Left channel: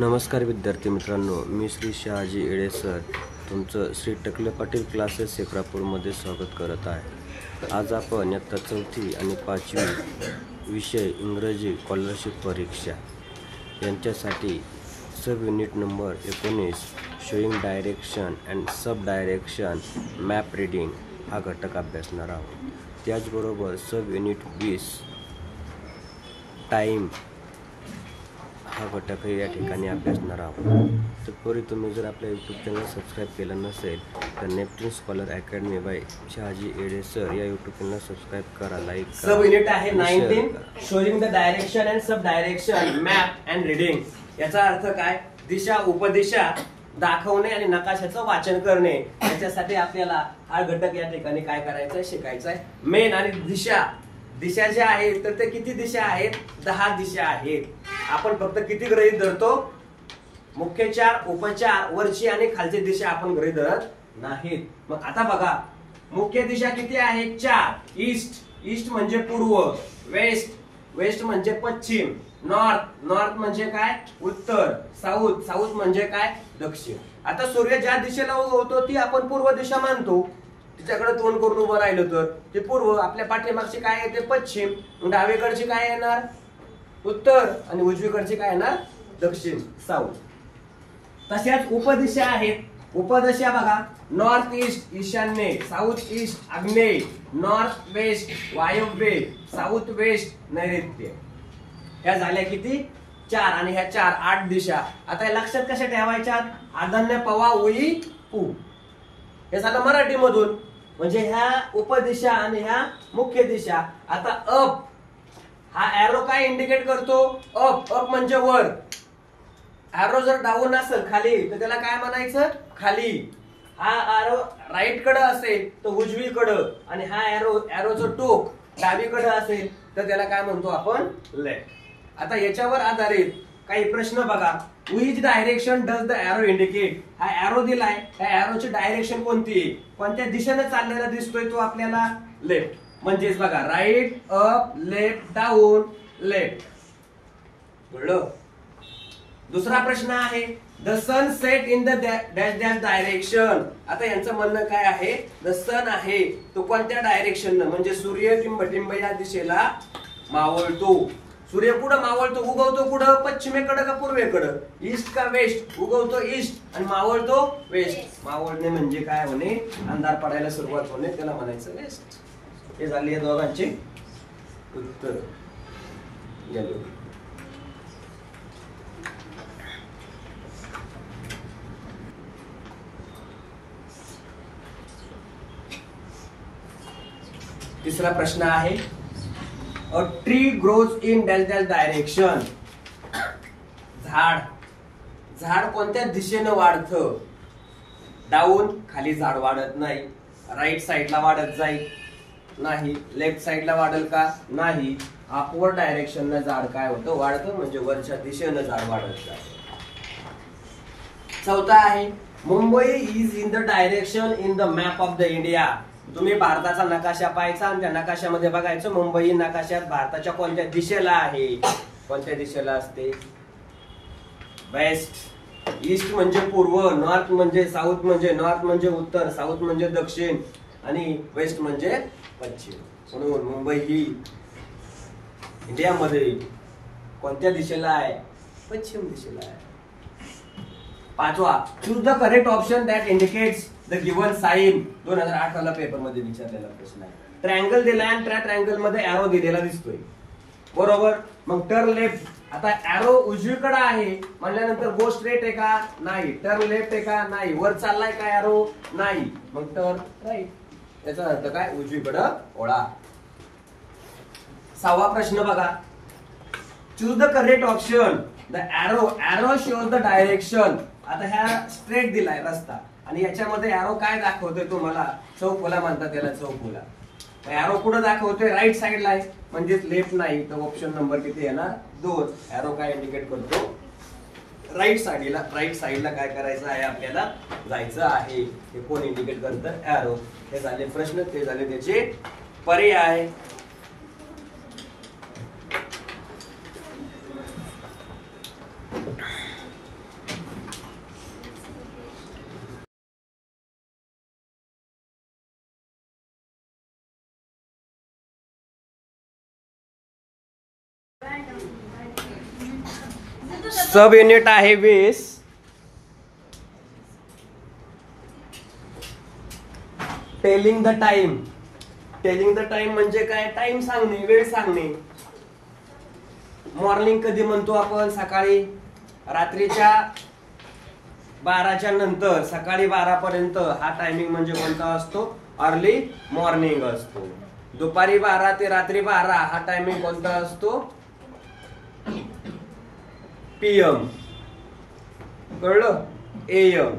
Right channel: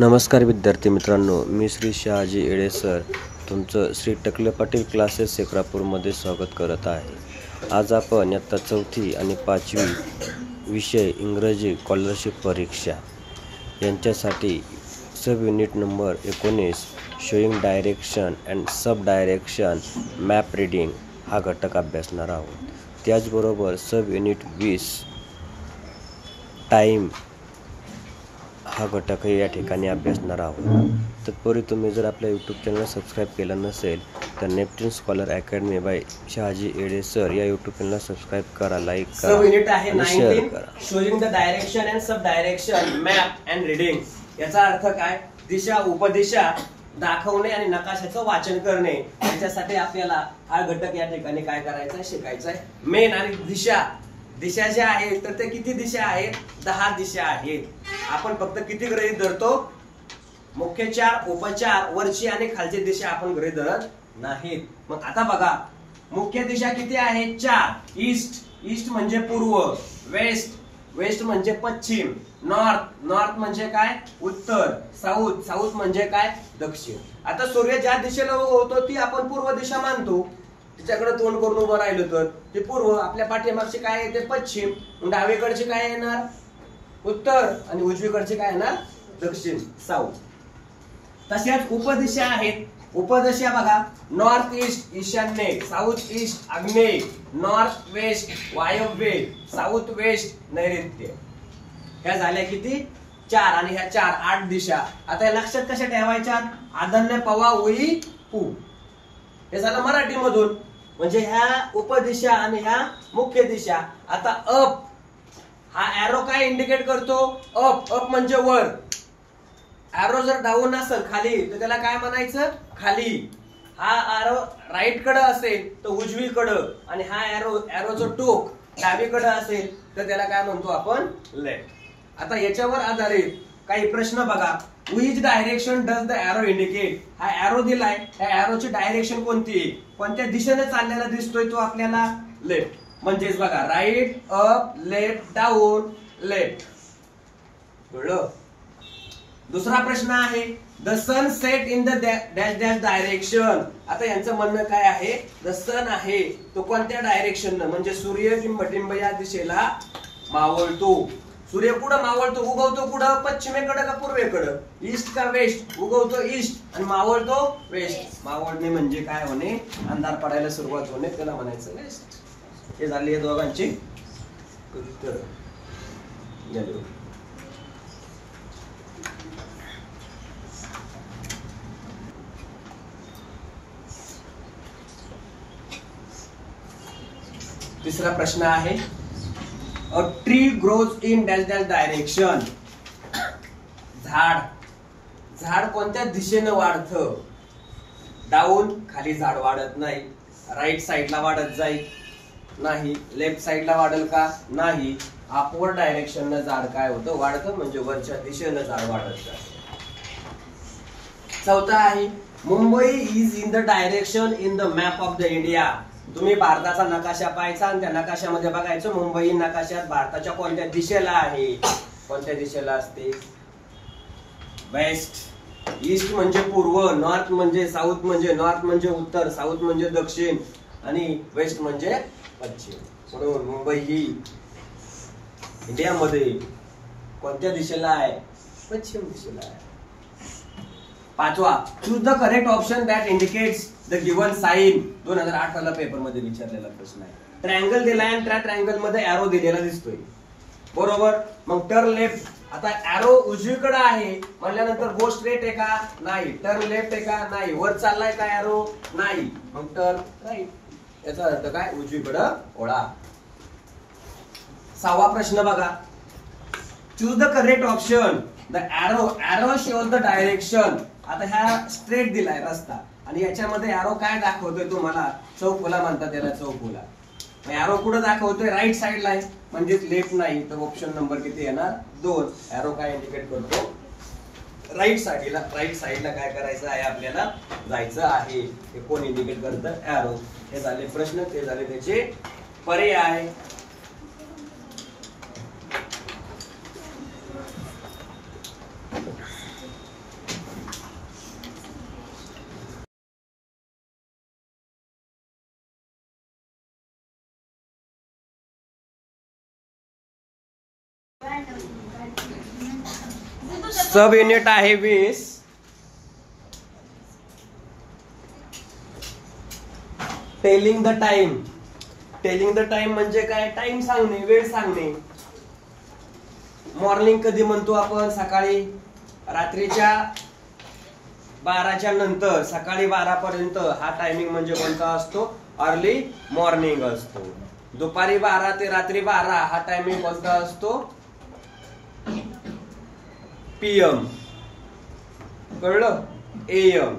नमस्कार विद्यार्थी मित्रांनो, मी श्री शहाजी येडे सर तुमचं श्री टकले पाटील क्लासेस सेक्रापूरमध्ये स्वागत करत आहे। आज आपण इयत्ता 4थी आणि 5वी विषय इंग्रजी स्कॉलरशिप परीक्षा यांच्यासाठी sub unit number 19 showing direction and sub direction map reading हा घटक अभ्यासणार आहोत। त्याचबरोबर सब युनिट 20 टाइम हा घटकही या ठिकाणी अभ्यासणार आहोत। तत्पूर्वी तुम्ही जर आपल्या यूट्यूब चॅनल सबस्क्राईब केलं नसेल तर Neptune scholar academy by Shahaji Yede sir या यूट्यूब चॅनल सबस्क्राईब करा, लाईक करा। सब युनिट आहे 19 showing the direction and sub direction map and reading. याचा अर्थ काय? दिशा उपदिशा दाखवणे आणि नकाशाचं वाचन करणे। याच्यासाठी आपल्याला हा घटक या ठिकाणी काय करायचं आहे, शिकायचं आहे। मेन आणि दिशा ज्या आहेत तर ते किती दिशा आहेत? 10 दिशा आहेत। आपण फक्त किती गृहीत धरतो? मुख्य 4, उपचार, वरची आणि खालची दिशा आपण गृहीत धरत नाहीत। मग आता बघा, मुख्य दिशा किती आहेत? 4। ईस्ट म्हणजे पूर्व, वेस्ट म्हणजे पश्चिम, नॉर्थ म्हणजे काय? उत्तर, साऊथ म्हणजे काय? दक्षिण। आता सूर्य ज्या दिशेला उगवतो ती आपण पूर्व दिशा मानतो। तिच्याकडे तोंड करून उभं राहिलो तर ते पूर्व, आपल्या पाठीमागची काय आहे? ते पश्चिम, डावीकडची काय येणार? उत्तर, आणि उजवीकडची काय येणार? दक्षिण, साऊथ। तशाच उपदिशा आहेत। उपदिशा बघा, नॉर्थ ईस्ट ईशान्य, साऊथ ईस्ट आग्नेय, नॉर्थ वेस्ट वायव्य, साऊथ वेस्ट नैऋत्य। ह्या झाल्या किती? 4, आणि ह्या 4 8 दिशा। आता या लक्षात कशा ठेवायच्या? आदन्य पवा उई पू, हे झालं मराठी मधून। म्हणजे ह्या उपदिशा आणि ह्या मुख्य दिशा। आता अप हा एरो काय इंडिकेट करतो? अप म्हणजे वर। एरो जर डाऊन असेल खाली तर त्याला काय म्हणायचं? खाली। हा एरो राईट कडे असेल तर उजवीकडे, आणि हा एरोचं टोक डावीकडे असेल तर त्याला काय म्हणतो आपण? लेफ्ट। आता याच्यावर आधारित काही प्रश्न बघा। Which direction does the arrow indicate? हा एरो दिलाय, ह्या एरोची डायरेक्शन कोणती आहे? कोणत्या दिशेने चाललेला दिसतोय तो आपल्याला? लेफ्ट। म्हणजेच बघा, right, up, left, down, left. कळलं? दुसरा प्रश्न आहे, the sun set in the dash dash direction. आता यांचं म्हणणं काय आहे? द सन आहे तो कोणत्या डायरेक्शन, म्हणजे सूर्य टिंब या दिशेला मावळतो। सूर्य कुठं मावळतो? उगवतो कुठं? पश्चिमेकडे का पूर्वेकडे? ईस्ट का वेस्ट? उगवतो ईस्ट आणि मावळतो वेस्ट। मावळणे म्हणजे काय होणे? अंधार पडायला सुरुवात होणे, त्याला म्हणायचं वेस्ट। हे झाले दोघांचे उत्तर। तिसरा प्रश्न आहे, a tree grows in dash dash direction. झाड कोणत्या दिशेने वाढतं? डाऊन, खाली झाड वाढत नाही। राईट साइडला वाढत जाईल? नाही। लेफ्ट साइडला वाढेल का? नाही। अपवर्ड डायरेक्शन न झाड काय होतं? वाढतं, म्हणजे वरच्या दिशेने झाड वाढत जातं। चौथा आहे, Mumbai is in the direction in the map of the India. तुम्ही भारताचा नकाशा पाहायचा आणि त्या नकाशामध्ये बघायचं मुंबई नकाशात भारताच्या कोणत्या दिशेला आहे? कोणत्या दिशेला असते? वेस्ट। ईस्ट म्हणजे पूर्व, नॉर्थ म्हणजे साऊथ, म्हणजे नॉर्थ म्हणजे उत्तर, साऊथ म्हणजे दक्षिण, आणि वेस्ट म्हणजे पश्चिम। म्हणून मुंबई ही इंडियामध्ये कोणत्या दिशेला आहे? पश्चिम दिशेला आहे। पाचवा, choose the correct option that indicates the given sign. 2018 ला पेपर मध्ये विचारलेला प्रश्न आहे। ट्रायंगल दिलाय आणि त्या ट्रायंगल मध्ये एरो दिलेला दिसतोय, बरोबर? मग टर्न लेफ्ट। आता एरो उजवीकडे आहे म्हणल्यानंतर गो स्ट्रेट आहे का? नाही। टर्न लेफ्ट आहे का? नाही। वर चाललाय का एरो? नाही। मग टर्न राईट। याचा अर्थ काय? उजवीकडे वळा। 6वा प्रश्न बघा, choose the correct option. The arrow shows the direction. आता ह्या स्ट्रेट दिलाय रस्ता आणि याच्यामध्ये एरो काय दाखवतोय? तुम्हाला चौफुला म्हणतात, याला चौफुला। एरो कुठे दाखवतोय? राईट साइडला आहे, म्हणजे लेफ्ट नाही। तर ऑप्शन नंबर किती येणार? 2। एरो काय इंडिकेट करतो? राईट साइडला काय करायचं आहे? आपल्याला जायचं आहे। हे कोण इंडिकेट करतं? एरो। हे झाले प्रश्न, ते झाले त्याचे पर्याय। सब युनिट आहे 20. Telling the time. Telling the time म्हणजे काय? टाइम सांगणे, वेळ सांगणे. मॉर्निंग कधी म्हणतो आपण? सकाळी. रात्रीच्या 12च्या नंतर सकाळी 12 पर्यंत हा टायमिंग म्हणजे कोणता असतो? अर्ली मॉर्निंग असतो. दुपारी 12 ते रात्री 12 हा टायमिंग कोणता असतो? PM. कळलं? AM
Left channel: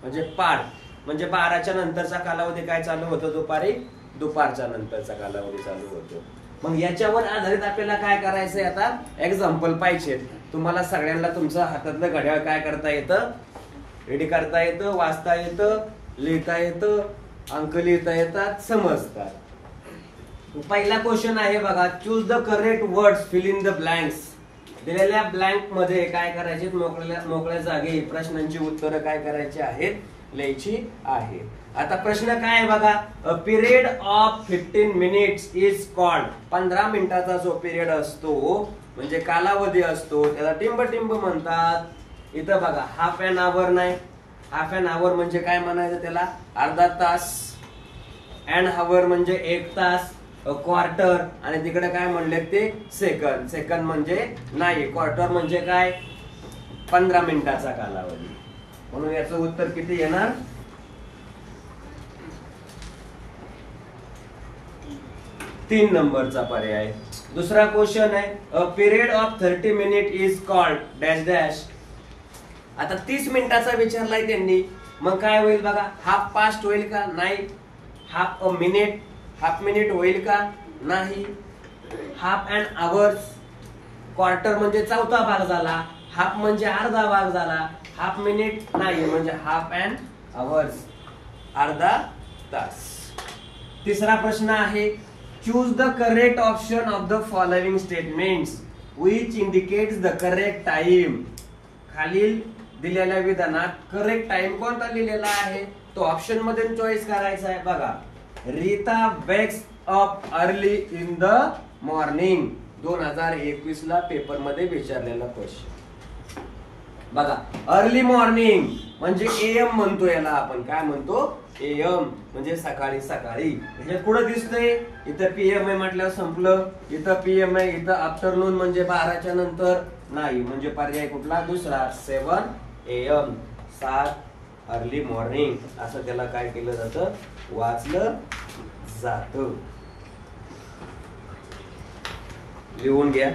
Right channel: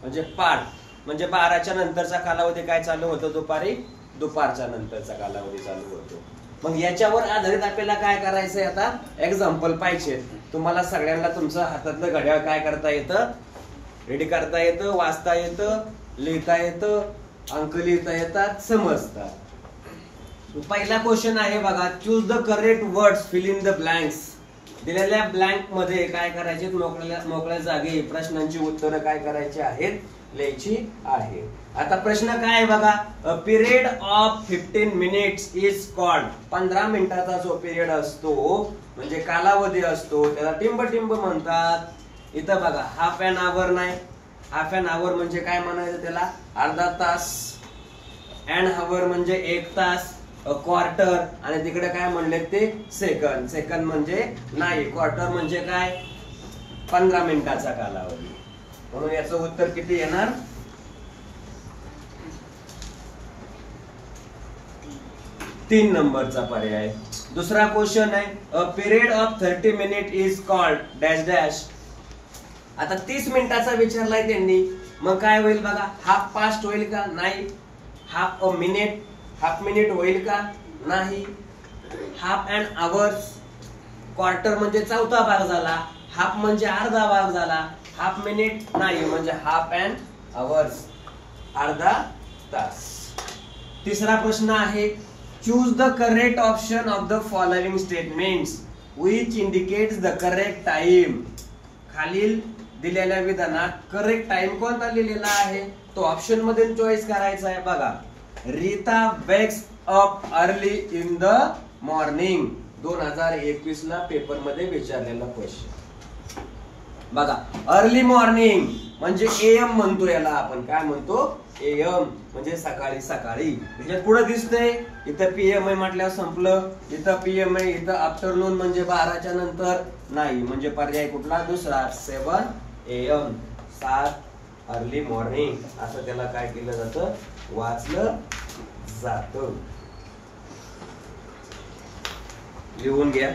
म्हणजे पाठ. म्हणजे 12च्या नंतरचा कालावधी काय चालू होतो? दुपारच्या नंतरचा कालावधी चालू होतो. मग याच्यावर आधारित आपल्याला काय करायचंय? आता एक्झाम्पल पाहिजे. तुम्हाला सगळ्यांना तुमचं हातातलं घड्याळ काय करता येतं? रेडी करता येतं, वाचता येतं, लिहिता येतं, अंक लिहिता येतात, समजतात. पहिला क्वेश्चन आहे बघा. Choose the correct words, fill in the blanks. दिलेल्या ब्लँक मध्ये काय करायचे? मोकळ्या जागी प्रश्नांची उत्तरं काय करायची आहेत? लिहायची आहे. आता प्रश्न काय आहे बघा. A period of 15 minutes is called. 15 मिनिटाचा जो पिरियड असतो म्हणजे कालावधी असतो त्याला टिंब म्हणतात. इथं बघा हाफ एन आवर नाही. हाफ एन आवर म्हणजे काय म्हणायचं त्याला? अर्धा तास. एन आवर म्हणजे 1 तास. क्वार्टर आणि तिकडे काय म्हणले ते? सेकंड. सेकंड म्हणजे नाही. क्वार्टर म्हणजे काय? 15 मिनिटाचा कालावधी. म्हणून याचं उत्तर किती येणार? 3 नंबरचा पर्याय. दुसरा क्वेश्चन आहे. A period of 30 minute is called dash dash. आता 30 मिनिटाचा विचारलाय त्यांनी. मग काय होईल बघा? हाफ पास्ट होईल का? नाही. Half a minute, half minute होईल का? नाही. Half and hours. क्वार्टर म्हणजे चौथा भाग झाला. हाफ म्हणजे अर्धा भाग झाला. हाफ मिनिट नाही म्हणजे हाफ अँड आवर्स, अर्धा तास. तिसरा प्रश्न आहे. Choose the correct option of the following statements which indicates the correct time. खालील दिलेल्या विधानात करेक्ट टाइम कोणता लिहिलेला आहे तो ऑप्शन मध्ये चॉईस करायचा आहे. बघा. Rita wakes up early in the morning. 2021 ला पेपर मध्ये विचारलेला क्वेश्चन बघा. अर्ली मॉर्निंग म्हणजे AM म्हणतो याला आपण. काय म्हणतो? AM म्हणजे सकाळी सकाळी. म्हणजे पुढे दिसतंय इथं PM आहे म्हटल्यावर संपलं. इथं PM आहे. इथं आफ्टरनून म्हणजे 12च्या नंतर नाही म्हणजे पर्याय कुठला? दुसरा. 7 AM. 7 अर्ली मॉर्निंग असं त्याला काय केलं जातं? वाचलं जातं. लिहून घ्या.